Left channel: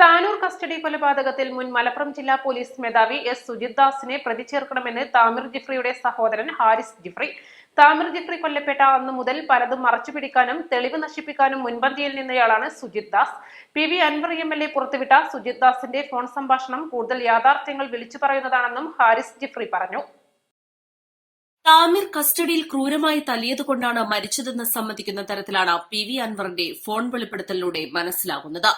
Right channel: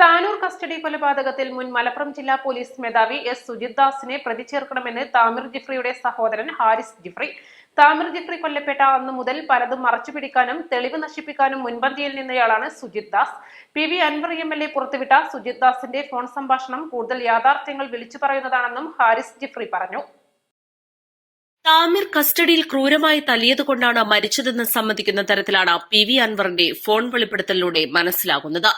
Tanur custody കൊലപാതകത്തിൽ മുൻ മലപ്പുറം ജില്ലാ പോലീസ് മേധാവി എസ് സുജിത് ദാസിനെ പ്രതി ചേർക്കണമെന്ന് താമിർ ജിഫ്രിയുടെ സഹോദരൻ ഹാരിസ് ജിഫ്രി. താമിർ ജിഫ്രി കൊല്ലപ്പെട്ട അന്നു മുതൽ പലതും മറച്ചുപിടിക്കാനും തെളിവ് നശിപ്പിക്കാനും മുൻപന്തിയിൽ നിന്നയാളാണ് സുജിത് ദാസ്. PV അൻവർ MLA പുറത്തുവിട്ട സുജിത് ദാസിന്റെ ഫോൺ സംഭാഷണം കൂടുതൽ യാഥാർത്ഥ്യങ്ങൾ വിളിച്ചു പറയുന്നതാണെന്നും ഹാരിസ് ജിഫ്രി പറഞ്ഞു. താമിർ കസ്റ്റഡിയിൽ ക്രൂരമായി തല്ലിയതുകൊണ്ടാണ് മരിച്ചതെന്ന് സമ്മതിക്കുന്ന തരത്തിലാണ് PV അൻവറിന്റെ ഫോൺ വെളിപ്പെടുത്തലിലൂടെ മനസ്സിലാകുന്നത്.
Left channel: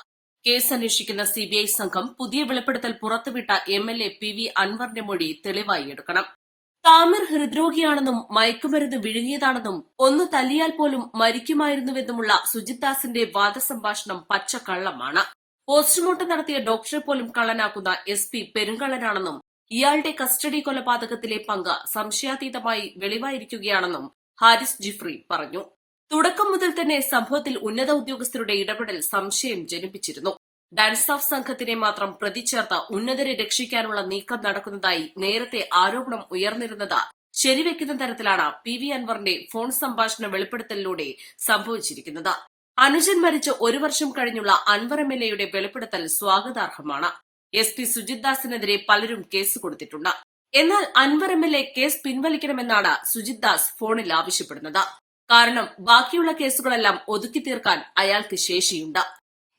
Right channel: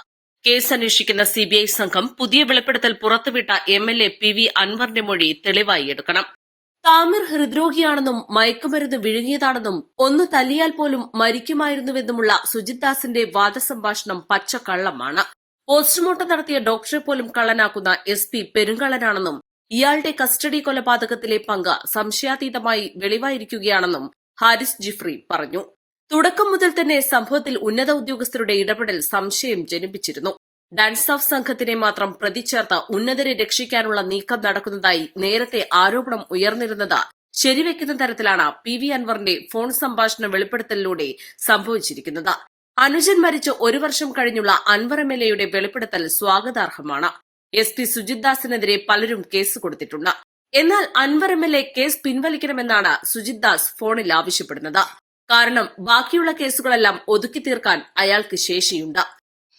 കേസ് അന്വേഷിക്കുന്ന CBI സംഘം പുതിയ വെളിപ്പെടുത്തൽ പുറത്തുവിട്ട MLA PV അൻവറിന്റെ മൊഴി തെളിവായി എടുക്കണം. താമിർ ഹൃദ്രോഗിയാണെന്നും മയക്കുമരുന്ന് വിഴുങ്ങിയതാണെന്നും ഒന്ന് തല്ലിയാൽ പോലും മരിക്കുമായിരുന്നുവെന്നുമുള്ള സുജിത് ദാസിന്റെ വാദസംഭാഷണം പച്ചക്കള്ളമാണ്. പോസ്റ്റ്മോർട്ടം നടത്തിയ ഡോക്ടറെ പോലും കള്ളനാക്കുന്ന SP പെരുങ്കള്ളനാണെന്നും ഇയാളുടെ കസ്റ്റഡി കൊലപാതകത്തിലെ പങ്ക് സംശയാതീതമായി വെളിവായിരിക്കുകയാണെന്നും ഹാരിസ് ജിഫ്രി പറഞ്ഞു. തുടക്കം മുതൽ തന്നെ സംഭവത്തിൽ ഉന്നത ഉദ്യോഗസ്ഥരുടെ ഇടപെടൽ സംശയം ജനിപ്പിച്ചിരുന്നു. ഡാൻസ് ഓഫ് സംഘത്തിനെ മാത്രം പ്രതി ചേർത്ത് ഉന്നതരെ രക്ഷിക്കാനുള്ള നീക്കം നടക്കുന്നതായി നേരത്തെ ആരോപണം ഉയർന്നിരുന്നത് ശരിവെക്കുന്ന തരത്തിലാണ് PV അൻവറിന്റെ ഫോൺ സംഭാഷണ വെളിപ്പെടുത്തലിലൂടെ സംഭവിച്ചിരിക്കുന്നത്. അനുജൻ മരിച്ച് 1 വർഷം കഴിഞ്ഞുള്ള അൻവർ MLAയുടെ വെളിപ്പെടുത്തൽ സ്വാഗതാർഹമാണ്. SP സുജിത് ദാസിനെതിരെ പലരും കേസ് കൊടുത്തിട്ടുണ്ട്. എന്നാൽ അൻവർ MLA കേസ് പിൻവലിക്കണമെന്നാണ് സുജിത് ദാസ് ഫോണിൽ ആവശ്യപ്പെടുന്നത്. കാരണം ബാക്കിയുള്ള കേസുകളെല്ലാം ഒതുക്കി തീർക്കാൻ അയാൾക്ക് ശേഷിയുണ്ട്.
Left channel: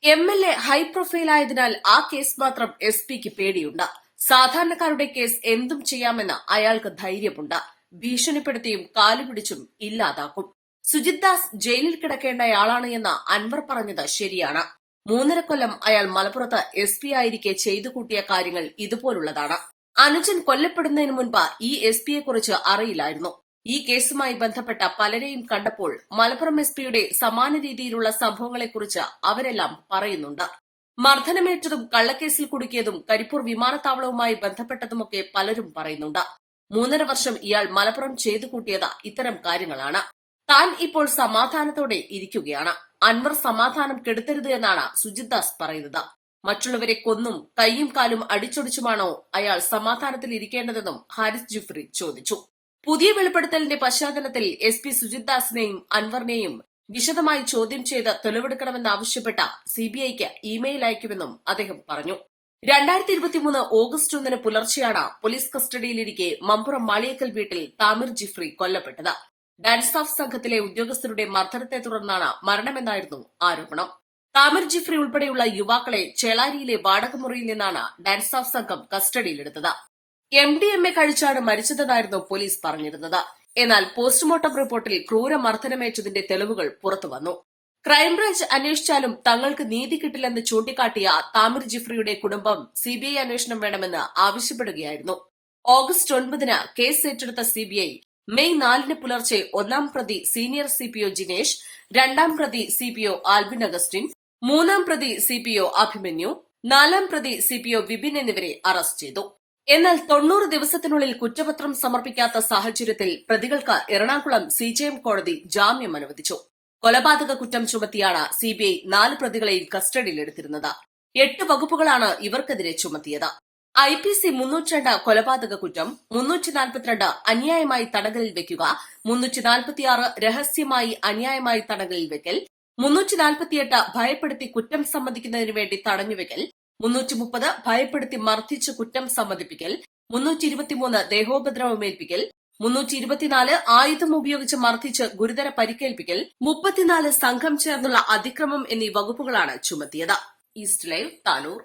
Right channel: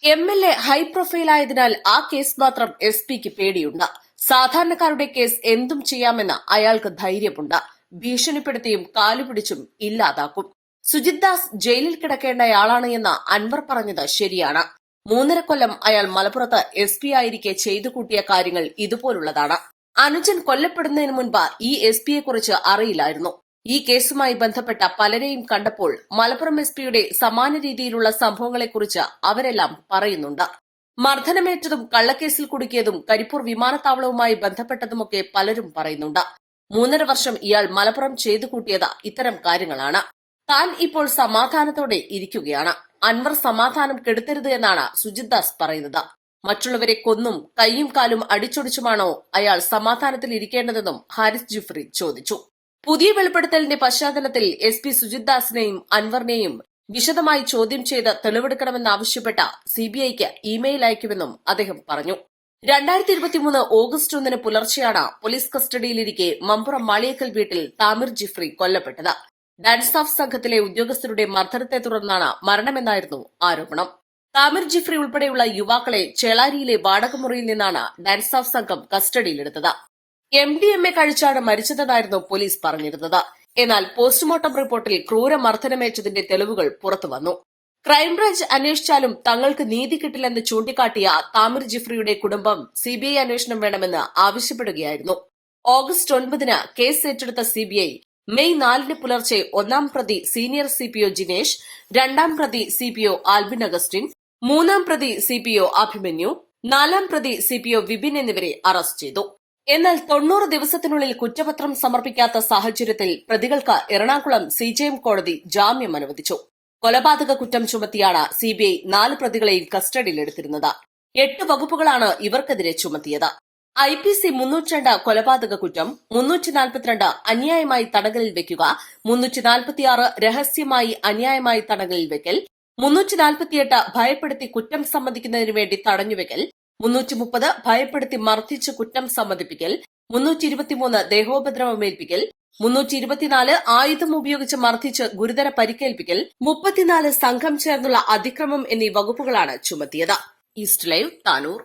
MLA ഹൈ പ്രൊഫൈലായതിനാൽ ആ കേസ് മാത്രം SPക്ക് പേടിയുണ്ട്. സാധാരണക്കാരുടെ കേസ് എന്തും ചെയ്യാമെന്ന് അയാൾക്ക് ധൈര്യമുണ്ട്. ഭീഷണിപ്പെടുത്തിയും കാലുപിടിച്ചും ഇല്ലാതാക്കും. സുജിത് ദാസ് ജയിലിൽ കിടക്കേണ്ടയാളാണ് എന്ന് അൻവർ പറഞ്ഞത് ശരിയാണ്. 3.5 കൊല്ലം അയാൾ മലപ്പുറത്ത് SP ആയിരിക്കെ ചെയ്തു കൂട്ടിയ കാര്യങ്ങൾ ഇതുപോലുള്ളതാണ്. അനുജൻ കൊല്ലപ്പെടുന്നതിന് മുൻപ് ഈ SPയെക്കുറിച്ച് അറിയില്ലായിരുന്നു. ഈ കേസുമായി ബന്ധപ്പെട്ട പലരെയും കണ്ടപ്പോൾ മലപ്പുറം SPയുടെ സമാന രീതിയിലുള്ള സംഭവങ്ങളെക്കുറിച്ച് അവരെല്ലാം പറയുന്നുണ്ട്. മർദ്ദനമേറ്റതും കള്ളക്കേസിൽ കുടുക്കിയതും കരിപ്പൂർ വിമാനത്താവളവുമായി ബന്ധപ്പെട്ടതുമൊക്കെ പലരും പറയുന്നുണ്ട്. 3.5 വർഷം ഇയാൾ മലപ്പുറം ചെയ്തു കൂട്ടിയത് ഇത്തരം കാര്യങ്ങളാണ്. താൻ ഇപ്പോൾ സമാധാനത്തോടെ ഇരിക്കുകയാണ്. അൻവർ സമാധാനം കെടുത്തരുത് എന്നാണ് സുജിത് ദാസ് പറയുന്നത്. മറ്റുള്ളവരെ കൊന്നും കൈയും കാലും അടിച്ചൊടിച്ചുമാണോ അയാൾ സമാധാനത്തിൽ ഇരിക്കേണ്ടതെന്നും ഹാരിസ് ജിഫ്രി ചോദിച്ചു. പുതിയ വെളിപ്പെടുത്തലിന്റെ പശ്ചാത്തലത്തിൽ SP സുജിത് ദാസിനെയും അൻവറിനെയും വിശദമായി ചോദ്യം ചെയ്ത് തെളിവെടുക്കണമെന്നാവശ്യപ്പെട്ട CBIക്ക് ഇമെയിൽ അയക്കുമെന്നും അദ്ദേഹം പറഞ്ഞു. 2023 ഓഗസ്റ്റ് 1 പുലർച്ചെയാണ് പോലീസ് കസ്റ്റഡിയിലിരിക്കെ മമ്പുറം മാളിയേക്കൽ വീട്ടിൽ താമിർ ജിഫ്രി കൊല്ലപ്പെട്ടത്. ഡാൻസ് ഓഫ് സംഘത്തിലെ ഉദ്യോഗസ്ഥരുടെ മർദ്ദനത്തെ തുടർന്നാണ് മരണമെന്നായിരുന്നു ആരോപണം. താമിർ ജിഫ്രി ഉൾപ്പെടെയുള്ള യുവാക്കളെ ചേളാരിയിലെ വാടകമുറിയിൽ നിന്നാണ് ഡാൻസ് ഓഫ് സംഘം കസ്റ്റഡിയിലെടുത്തത്. MDMA കഴിച്ചാണ് മരിച്ചതെന്നായിരുന്നു പോലീസ് പറഞ്ഞിരുന്നത്. എന്നാൽ പോസ്റ്റ്മോർട്ടം റിപ്പോർട്ടിൽ ക്രൂരമർദ്ദനമേറ്റതിന്റെ തെളിവുകൾ പുറത്തുവന്നു. ക്രൈംബ്രാഞ്ച് അന്വേഷിച്ചാലും തങ്ങൾക്ക് നീതി കിട്ടില്ലെന്ന് ചൂണ്ടിക്കാട്ടിയ താമിർ ജിഫ്രിയുടെ കുടുംബം CBI അന്വേഷണം വേണമെന്ന് ആവശ്യപ്പെടുകയായിരുന്നു. ഓഗസ്റ്റ് 9 കേസ് ഏറ്റെടുത്ത CBI മെയ് 4 പുലർച്ചെ 1-ാം പ്രതി സീനിയർ CPO ജിനേഷ്, 2-ാം പ്രതി CPO ആൽബിൻ അഗസ്റ്റിൻ, 3-ാം പ്രതി CPO അഭിമന്യു, 4-ാം പ്രതി CPO വിപിൻ എന്നിവരെ അറസ്റ്റ് ചെയ്തു. എന്നാൽ 90 ദിവസത്തിനുള്ളിൽ കുറ്റപത്രം സമർപ്പിക്കാത്ത സാഹചര്യത്തിൽ പ്രതികൾക്ക് എറണാകുളം CJM കോടതി ജാമ്യം അനുവദിച്ചു. കൊലപാതക കുറ്റം ചുമത്തിയാണ് CBI 4 പ്രതികളെയും കസ്റ്റഡിയിലെടുത്തിരുന്നത്. 8 വകുപ്പുകളാണ് ഇവർക്കെതിരെ ചുമത്തിയത്. IPC 302 കൊലപാതക കുറ്റം, 342 അന്യായമായി തടങ്കലിൽ വയ്ക്കുക, 346 രഹസ്യമായി അന്യായമായി തടങ്കലിൽ വയ്ക്കൽ, 348 ഭയപ്പെടുത്തി കുറ്റം സമ്മതിക്കുന്നതിനു വേണ്ടി തടഞ്ഞുവയ്ക്കൽ, 330 ഭയപ്പെടുത്തി മർദ്ദിച്ച് കുറ്റം സമ്മതിപ്പിക്കൽ, 323 ദേഹോപദ്രവമേൽപ്പിക്കൽ, 324 ആയുധം ഉപയോഗിച്ച് മർദ്ദിച്ച് ഗുരുതര പരിക്കേൽപ്പിക്കൽ, 34 സംഘം ചേർന്നുള്ള അതിക്രമം എന്നീ വകുപ്പുകളാണ് ചുമത്തിയത്. East live Tanur.